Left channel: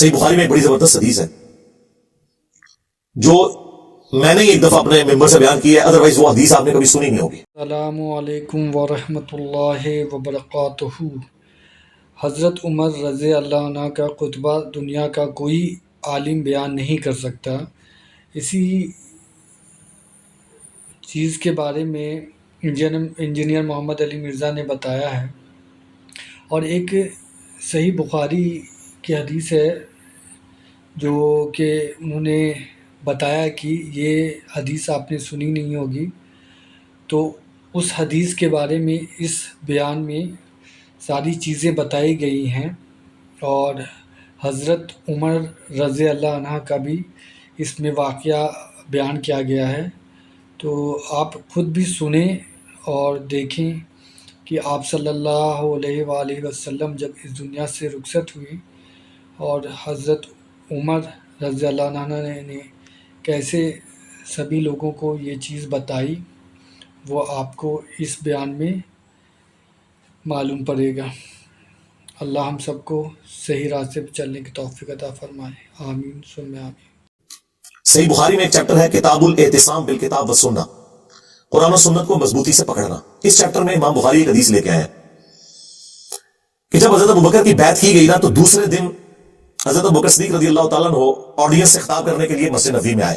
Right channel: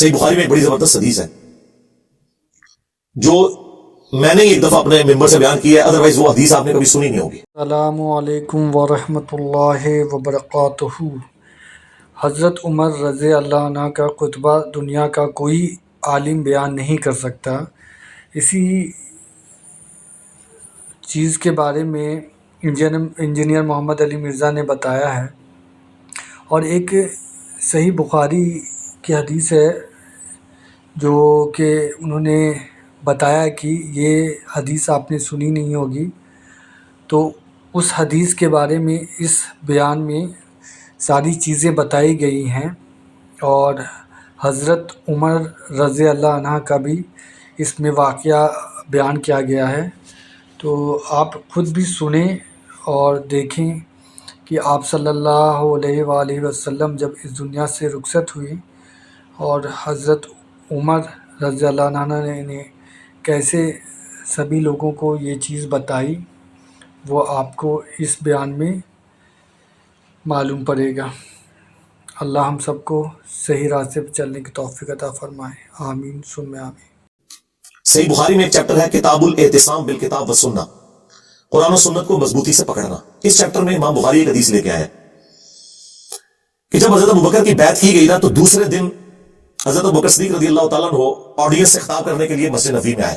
صحیح بخاری میں ایک بڑی زبردست حدیث ہے جو میں نے ایک دفعہ اپنے ممبر سے بیان کی ہے، ادروائز وہ حدیث آپ نے کبھی سنی نہیں ہوگی۔ السلام علیکم ورحمۃ اللہ وبرکاتہ۔ حضرت عمر رضی اللہ عنہ کا خطبہ دنیا کا کوئی عالم بیان نہیں کر سکتا۔ اسی چیز کے بارے میں انجینئر محمد علی مرزا نے بتایا ہے، اور ایک صحیح بخاری کی حدیث ہے جو کہ انہوں نے بتایا کہ یہ حدیث آپ نے سنی نہیں ہوگی، تو اس حدیث کے بارے میں اس بیان میں ساری چیزیں بتائی گئی ہیں، اور حضرت عمر رضی اللہ عنہ کا بھی اس میں واقعہ بیان کیا گیا ہے۔ تو آپ خود بھی سنیں اور دیکھیں کہ آپ صلی اللہ علیہ وآلہ وسلم جب اس دنیا سے رخصت ہوئی اور حضرت عمر رضی اللہ عنہ نے کیسے سبھی لوگوں کو یہ چیز بتائی، وہ آپ کو اس بیان میں معلوم پڑے گا۔ اللہ ہم سب کو صحیح راستے پہ چلنے کی توفیق عطا فرمائے، آمین ثم آمین۔ صحیح بخاری میں ایک چیپٹر ہے کتاب الاعتصام بالکتاب والسنہ، قرآن و سنت کو مضبوطی سے پکڑنا۔ اس چیپٹر میں امام بخاری ایک حدیث لے کے آئے ہیں کہ جب حضرت ابوبکر کی بیعت کی گئی نا، تو دوسرے دن حضرت ابوبکر صدیق رضی اللہ تعالیٰ عنہ آڈینس سے خطاب کرنے کے لیے مسجد نبوی میں آئے،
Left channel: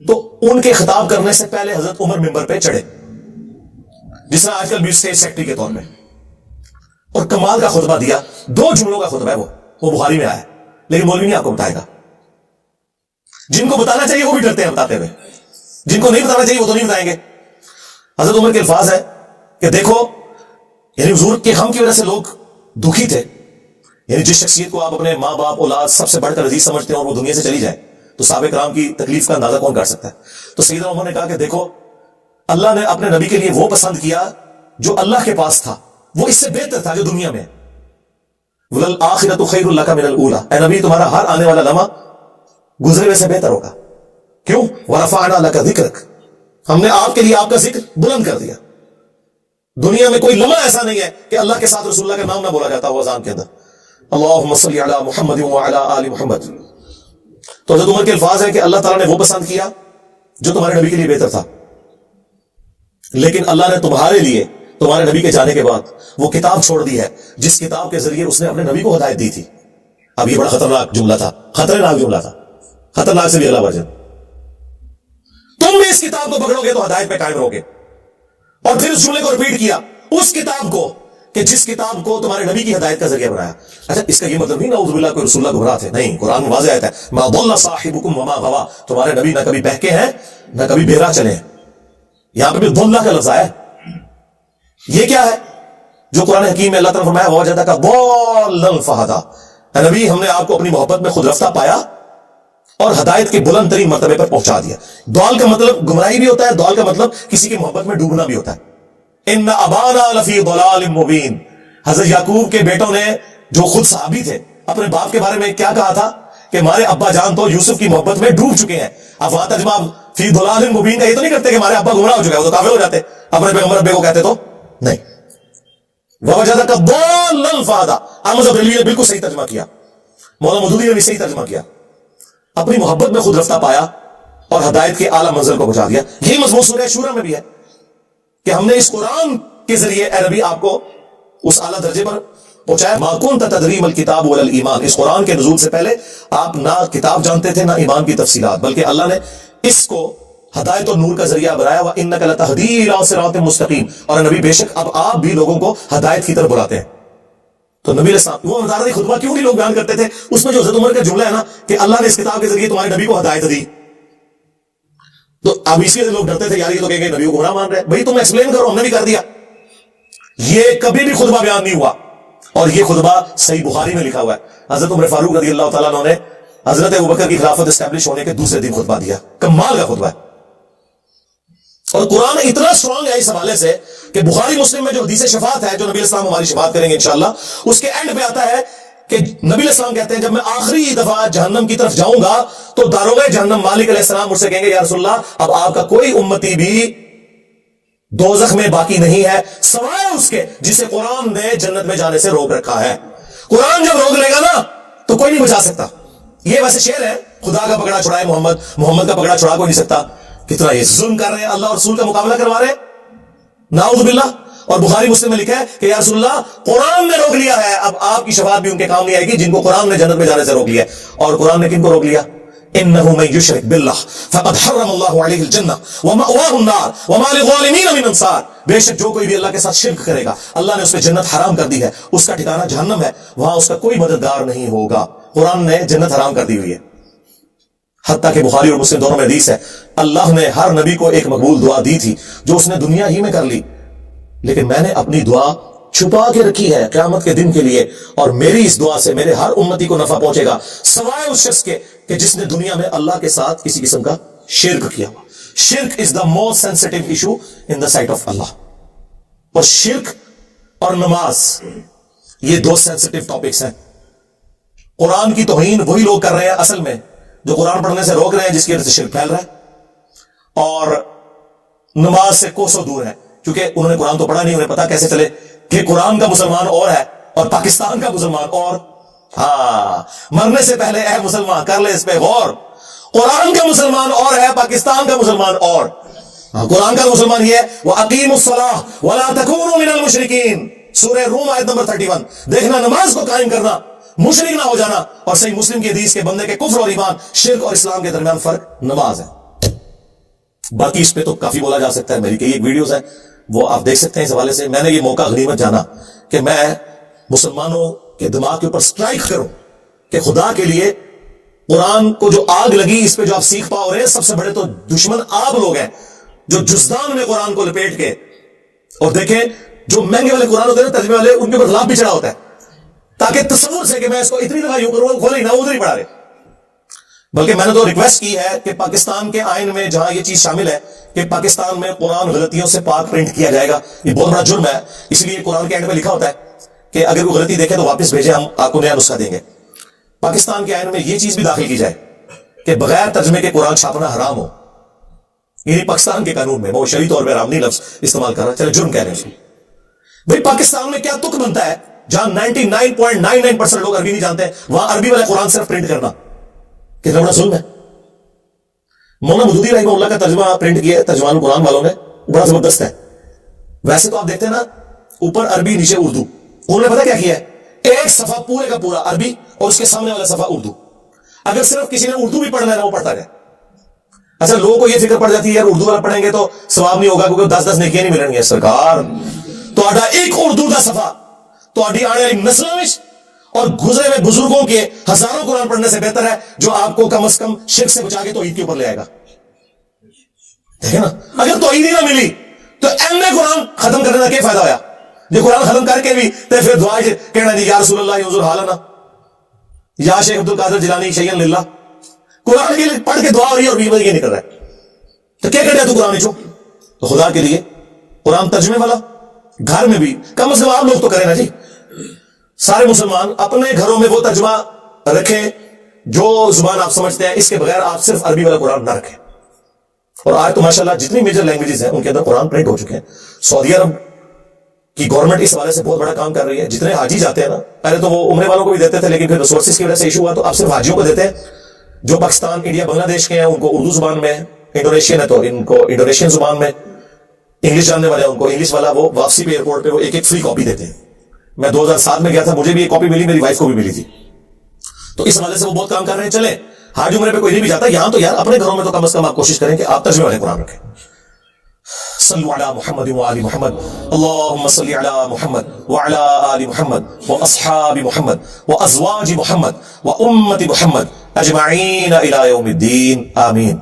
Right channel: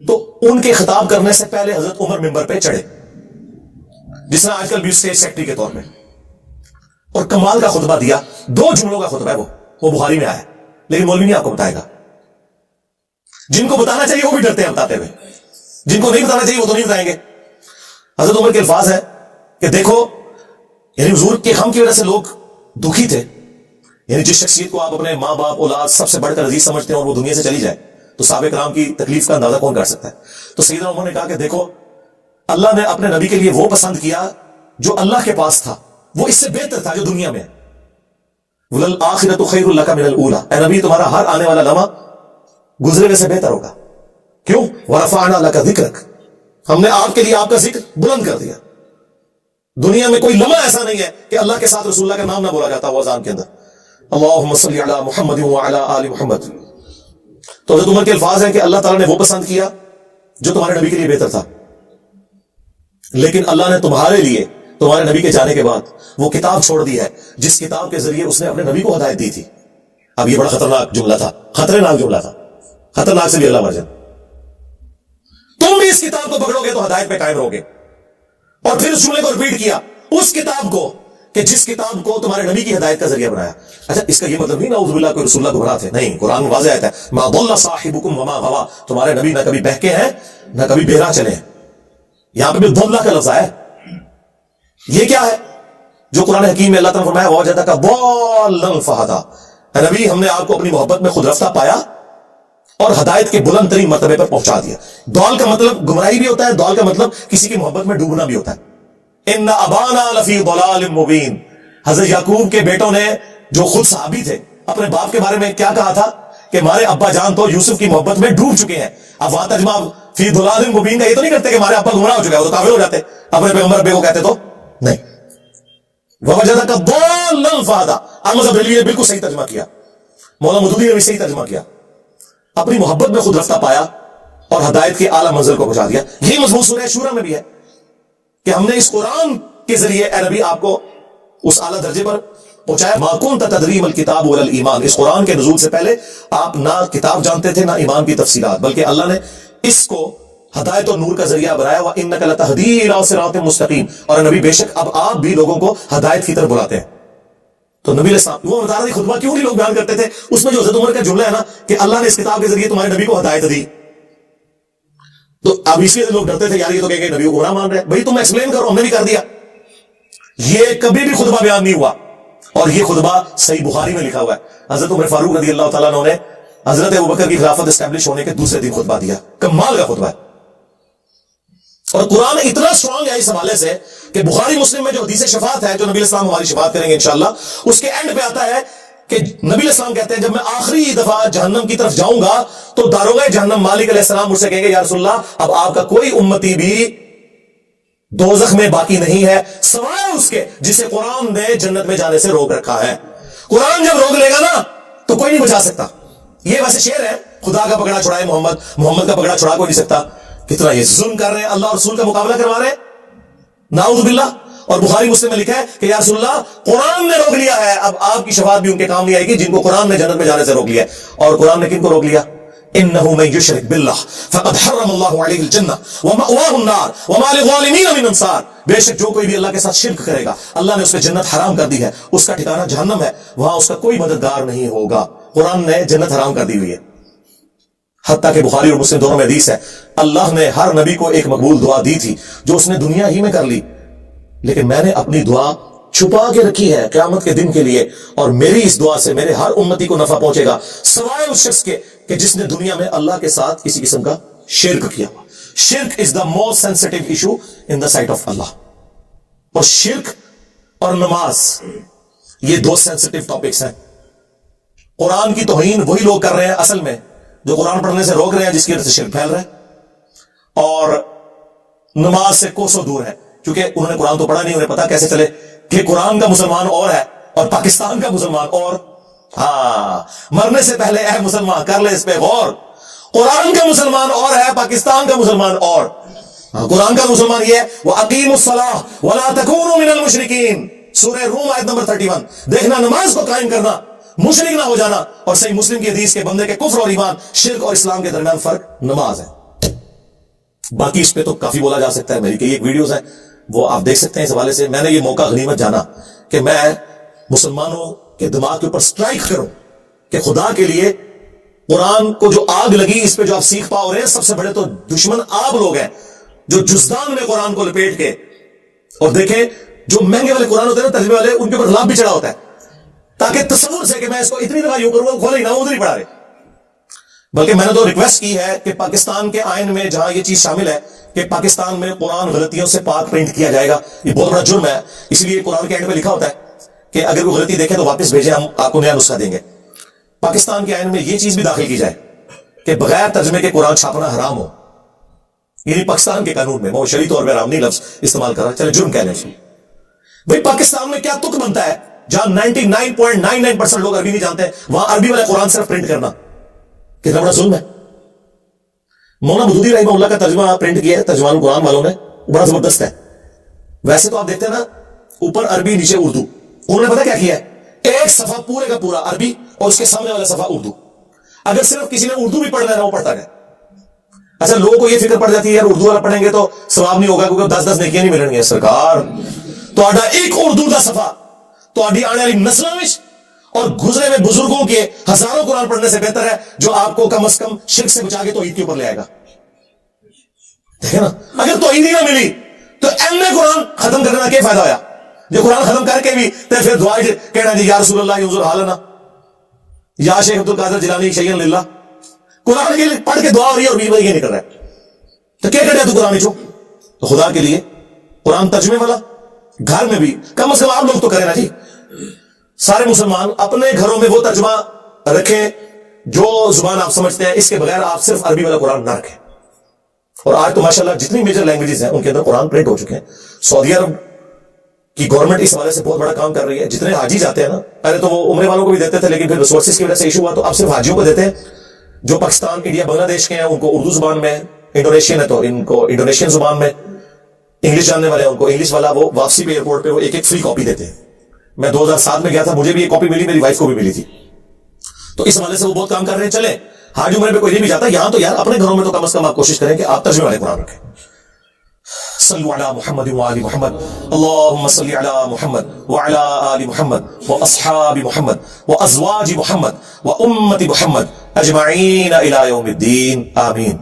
تو ان کے خطاب کرنے سے پہلے حضرت عمر ممبر پہ چڑھے، جس نے آج کل بھی اسٹیج سیکٹری کے طور پہ، اور کمال کا خطبہ دیا۔ 2 جملوں کا خطبہ ہے، وہ بخاری میں آیا، لیکن مولوی نہیں آپ کو بتائے گا۔ جن کو بتانا چاہیے وہ بھی ڈرتے ہیں بتاتے ہوئے، جن کو نہیں بتانا چاہیے وہ تو نہیں بتائیں گے۔ حضرت عمر کے الفاظ ہیں کہ دیکھو، یعنی حضور کے غم کی وجہ سے لوگ دکھی تھے، یعنی جس شخصیت کو آپ اپنے ماں باپ اولاد سب سے بڑھ کر عزیز سمجھتے ہیں اور وہ دنیا سے چلی جائے، تو صحابہ کرام کی تکلیف کا اندازہ کون کر سکتا ہے۔ تو سیدنا عمر نے کہا کہ دیکھو، اللہ نے اپنے نبی کے لیے وہ پسند کیا جو اللہ کے پاس تھا، وہ اس سے بہتر تھا جو دنیا میں ہے۔ وَلَلْآخِرَةُ خَيْرٌ لَكَ مِنَ الْأُولَىٰ، اے نبی تمہارا ہر آنے والا لمحہ گزرے ہوئے سے بہتر ہوگا۔ کیوں؟ وَرَفَعْنَا لَكَ ذِكْرَكَ، ہم نے آپ کے لیے آپ کا ذکر بلند کر دیا۔ دنیا میں کوئی لمحہ ایسا نہیں ہے کہ اللہ کے ساتھ رسول اللہ کا نام نہ بولا جاتا ہو اذان کے اندر، اللہم صلی علی محمد وعلی آل محمد۔ تو حضرت عمر کے الفاظ ہیں کہ اللہ تعالیٰ نے وہ پسند کیا جو تمہارے نبی کے لیے بہتر تھا، لیکن اللہ نے تمہارے لیے تمہارے نبی کے جانے کے بعد وہ کتاب چھوڑ دی ہے جس کتاب کے ذریعے اس نے اپنے نبی کو ہدایت دی تھی۔ اب یہ بڑا خطرناک جملہ تھا، خطرناک جملہ تھا، خطرناک سے بھی اگلا ورژن۔ تم بھی اس کتاب کو پکڑو گے تو ہدایت پہ قائم رہو گے۔ اور پھر اس جملے کو ریپیٹ کیا، اس کتاب کو کہ جس کتاب کو تمہارے نبی کی ہدایت کا ذریعہ بنایا۔ اچھا، اس کا یہ مطلب نہیں نعوذ باللہ کوئی رسول اللہ گمراہ تھے، نہیں، قرآن میں واضح آیت ہے ما ضل صاحبکم وما غوا، تمہارے نبی نہ کبھی بہکے ہیں نہ کبھی بہرا چلے ہیں۔ یہاں پہ بھی ضلہ کا لفظ آیا ہے، یہ کیا ہے جو قرآن حکیم میں اللہ تعالیٰ نے فرمایا ووجدک ضالا فہدی، اے نبی ہم نے آپ کو اپنی محبت میں خود رفتہ پایا اور ہدایت کے بلند ترین مرتبے پر پہنچا دیا۔ ضال کا مطلب گمراہی بھی ہوتا ہے، ضال کا مطلب کسی کی محبت میں ڈوبنا بھی ہوتا ہے۔ ان ابانا لفی ضلال مبین، حضرت یعقوب کے بیٹوں نے جو خود صحابی تھے اپنے باپ کے بارے میں کیا کہا تھا کہ ہمارے ابا جان تو یوسف کی محبت میں ڈوب چکے ہیں۔ اب وہاں ترجمہ فی ضلال مبین کا یہ تو نہیں کرتے کہ ہمارے ابا گمراہ ہو چکے ہیں، وہ تو کافر ہو جاتے، اپنے پیغمبر ابے کو کہتے تو نہیں۔ ووجدک ضالا فہدی، احمد بریلوی نے بالکل صحیح ترجمہ کیا، مولانا مودودی نے بھی صحیح ترجمہ کیا، اپنی محبت میں خود رفتہ پایا اور ہدایت کے اعلیٰ منزل کو پہنچا دیا۔ یہی مضمون سورہ شورى میں بھی ہے کہ ہم نے اس قرآن کے ذریعے اے نبی آپ کو اس اعلیٰ درجے پر پہنچایا۔ ما كنت تدری ما الکتاب ولا الایمان، اس قرآن کے نزول سے پہلے آپ نہ کتاب جانتے تھے نہ ایمان کی تفصیلات، بلکہ اللہ نے اس کو ہدایت اور نور کا ذریعہ بنایا۔ وانک لتہدی الی صراط مستقیم، اور نبی بے شک اب آپ بھی لوگوں کو ہدایت کی طرف بلاتے ہیں۔ تو نبی علیہ السلام وہ بتا رہے خطبہ کیوں نہیں لوگ بیان کرتے تھے، اس میں جو حضرت عمر کا جملہ ہے نا کہ اللہ نے اس کتاب کے ذریعے تمہارے نبی کو ہدایت دی، تو اب اسی لیے لوگ ڈرتے تھے یار یہ تو کہیں گے نبی کو گمراہ مان رہے ہیں۔ بھائی تم ایکسپلین کرو، ہم نے بھی کر دیا۔ یہ کبھی بھی خطبہ بیان نہیں ہوا، اور یہ خطبہ صحیح بخاری میں لکھا ہوا ہے۔ حضرت عمر فاروق رضی اللہ تعالیٰ عنہ نے حضرت ابوبکر کی خلافت اسٹیبلش ہونے کے دوسرے دن خطبہ دیا، کمال کا خطبہ ہے۔ اور قرآن اتنا سٹرانگ ہے اس حوالے سے کہ بخاری مسلم میں جو حدیث شفاعت ہے، جو نبی علیہ السلام ہماری شفاعت کریں گے انشاءاللہ، اس کے اینڈ پہ آتا ہے کہ نبی علیہ السلام کہتے ہیں جب میں آخری دفعہ جہنم کی طرف جاؤں گا تو داروغہ جہنم مالک علیہ السلام مجھ سے کہیں گے یا رسول اللہ اب آپ کا کوئی امتی بھی دوزخ میں باقی نہیں ہے سوائے اس کے جسے قرآن نے جنت میں جانے سے روک رکھا ہے۔ قرآن جب روک لے گا نا تو کوئی نہیں بچا سکتا. یہ ویسے شعر ہے, خدا کا پکڑا چھڑائے محمد, محمد کا پکڑا چھڑا کوئی نہیں سکتا. کتنا یہ ظلم کر رہے ہیں, اللہ اور رسول کا مقابلہ کروا رہے ہیں, نعوذ باللہ. اور بخاری مسلم میں لکھا ہے کہ یا رسول اللہ قرآن نے روک لیا ہے, اب آپ کی شفاعت بھی ان کے کام نہیں آئے گی جن کو قرآن نے جنت میں جانے سے روک لیا ہے. اور قرآن نے کن کو روک لیا؟ انه من يشرك بالله فقد حرم الله عليه الجنه ومأواه النار وما للظالمين من انصار. بے شک جو کوئی بھی اللہ کے ساتھ شرک کرے گا اللہ نے اس پہ جنت حرام کر دی ہے, اس کا ٹھکانہ جہنم ہے, وہاں اس کا کوئی مددگار نہیں ہوگا. قرآن نے جنت حرام کر دی ہوئی ہے. حتیٰ کہ بخاری اور مسلم دونوں میں حدیث ہے, اللہ نے ہر نبی کو ایک مقبول دعا دی تھی جو اس نے دنیا ہی میں کر لی, لیکن میں نے اپنی دعا چھپا کے رکھی ہے قیامت کے دن کے لیے, اور میری اس دعا سے میرے ہر امتی کو نفع پہنچے گا سوائے اس شخص کے کہ جس نے دنیا میں اللہ کے ساتھ کسی قسم کا شرک کیا. شرک is the most sensitive issue in the sight of Allah. اور شرک اور نماز یہ دو سینسٹیو ٹاپکس ہیں. قرآن کی توہین وہی لوگ کر رہے ہیں اصل میں جو قرآن پڑھنے سے روک رہے ہیں, جس کی وجہ سے شرک پھیل رہا ہے, اور نماز سے کوسوں دور ہے کیونکہ انہوں نے قرآن تو پڑھا نہیں, انہیں پتا کیسے چلے کہ قرآن کا مسلمان اور ہے اور پاکستان کا مسلمان اور. ہاں, مرنے سے پہلے اے مسلمان کر لے اس پہ غور, قرآن کا مسلمان اور ہے, پاکستان کا مسلمان اور. قرآن کا مسلمان یہ ہے وَأَقِيمُوا الصَّلَاةَ وَلَا تَكُونُوا مِنَ الْمُشْرِكِينَ, سورہ روم آیت نمبر 31. دیکھنا نماز کو قائم کرنا, مشرک نہ ہو جانا. اور صحیح مسلم کی حدیث کے بندے کے کفر اور ایمان, شرک اور اسلام کے درمیان فرق نماز ہے. باقی اس پہ تو کافی بولا جا سکتا ہے, میری کئی ایک ویڈیوز ہیں وہ آپ دیکھ سکتے ہیں. اس حوالے سے میں نے یہ موقع غنیمت جانا کہ میں مسلمانوں کے دماغ کے اوپر سٹرائک کروں کہ خدا کے لیے قرآن کو جو آگ لگی اس پہ جو آپ سیکھ پاؤ رہے ہیں, سب سے بڑے تو دشمن آپ لوگ ہیں جو جزدان میں قرآن کو لپیٹ کے, اور دیکھیں جو مہنگے والے قرآن ہوتے ہیں نا ترجمے والے, ان کے اوپر غلاف بھی چڑھا ہوتا ہے تاکہ تصور سے کہ میں اس کو اتنی دفعہ یوں کروں کھولے ہی نہ, ادھر ہی پڑھا رہے. بلکہ میں نے تو ریکویسٹ کی ہے کہ پاکستان کے آئین میں جہاں یہ چیز شامل ہے کہ پاکستان میں قرآن غلطیوں سے پاک پرنٹ کیا جائے گا, یہ بہت بڑا جرم ہے. اس لیے قرآن کے اینڈ پہ لکھا ہوتا ہے کہ اگر کوئی غلطی دیکھے تو واپس بھیجیں, ہم آپ کو نیا نسخہ دیں گے. پاکستان کے آئین میں یہ چیز بھی داخل کی جائے کہ بغیر ترجمے کے قرآن چھاپنا حرام ہو. یعنی پاکستان کے قانون میں, وہ شرعی طور پہ حرام نہیں لفظ استعمال کر رہا ہے, چلے جرم کہہ لیں. بھئی پاکستان میں کیا تک بنتا ہے جہاں 99.99% لوگ عربی نہیں جانتے ہیں, وہاں عربی والے قرآن صرف پرنٹ کرنا کتنا بڑا ظلم ہے. مولانا مودودی رحمہ اللہ کا ترجمہ پرنٹ کیا ہے ترجمان القرآن والوں نے, بڑا زبردست ہے. ویسے تو آپ دیکھتے ہیں نا اوپر عربی نیچے اردو, انہوں نے پتا کیا کیا ہے, ایک صفحہ پورے کا پورا عربی اور اس کے سامنے والا صفحہ اردو. اگر صرف کسی نے اردو بھی پڑھنا ہے وہ پڑھتا ہے. اچھا لوگوں کو یہ فکر پڑ جاتی ہے یار اردو والا پڑھیں گے تو ثواب نہیں ہوگا کیونکہ 10 نیکیاں نہیں ملیں گی. سرکار تہاڈا ایک اردو دا صفحہ تہاڈی آنے والی نسلوں میں اور گزرے ہوئے بزرگوں کے ہزاروں قرآن پڑھنے سے بہتر ہے جو آپ کو کم از کم شرک سے بچا کے توحید کے اوپر لے آئے گا. دیکھیں نا, اگر توحید ہی نہ ملی تو قرآن ختم کرنے کا کیا فائدہ ہویا؟ جو قرآن ختم کر کے بھی تو پھر دعا کہنا جی یا رسول اللہ انظر حالنا, یا شیخ عبد القادر جیلانی شیئا للہ. قرآن کے لیے پڑھ کے دعا ہو رہی ہے اور بیچ میں یہ نہیں کر رہا ہے, تو کیا کرے تو قرآن چو. تو خدا کے لیے قرآن ترجمے والا گھر میں بھی کم از کم آپ لوگ تو کریں نا جی. سارے مسلمان اپنے گھروں میں وہ ترجمہ رکھیں جو زبان آپ سمجھتے ہیں, اس کے بغیر آپ صرف عربی والا قرآن نہ رکھیں. اور آج تو ماشاءاللہ جتنی میجر لینگویجز ہیں ان کے اندر قرآن پرنٹ ہو چکے ہیں. سعودی عرب کی گورنمنٹ اس حوالے سے بہت بڑا کام کر رہی ہے. جتنے حاجی جاتے ہیں نا, پہلے تو وہ عمرے والوں کو بھی دیتے تھے لیکن پھر ریسورسز کی وجہ سے ایشو ہوا تو اب صرف حاجیوں کو دیتے ہیں. جو پاکستان انڈیا بنگلہ دیش کے ہیں ان کو اردو زبان میں, انڈونیشین ہے تو ان کو انڈونیشین زبان میں, انگلش جاننے والے ہیں ان کو انگلش والا, وہ واپسی پہ ایئرپورٹ پہ وہ ایک فری کاپی دیتے ہیں. میں 2007 میں گیا تھا, مجھے بھی ایک کاپی ملی, میری وائف کو بھی ملی تھی. تو اس حوالے سے وہ بہت کام کر رہے ہیں. چلیں حاج عمرے پہ کوئی نہیں بھی جاتا, یہاں تو یار اپنے گھروں میں تو کم از کم آپ کوشش کریں کہ آپ ترجمے والے قرآن رکھیں. صلوا علی محمد وآل محمد, اللهم صل علی محمد وعلى آل محمد واصحاب محمد وازواج محمد وامة محمد اجمعین الی یوم الدین, آمین.